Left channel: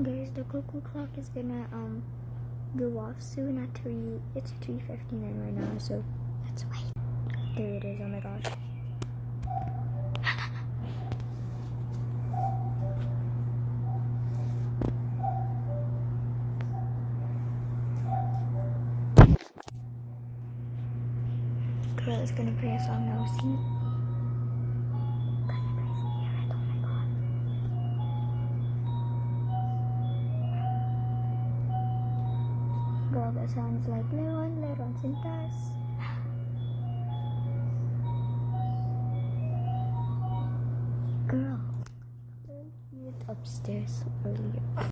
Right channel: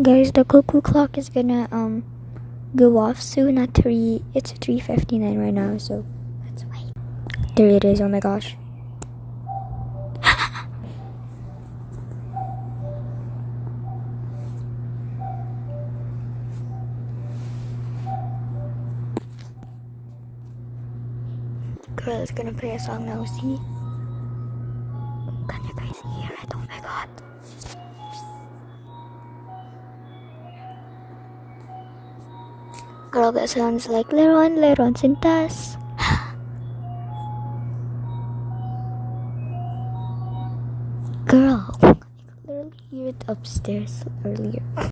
Guys, the cuckoo clock is gonna go off soon at 3. It's 3:59 right now, so let's wait. There it is. Oh my gosh. Girl is gonna play a song now. See? Can you guys hear it? Oh my god. Girl, that sounds like Leron Sintas. Girl, I could literally hear it upstairs earlier.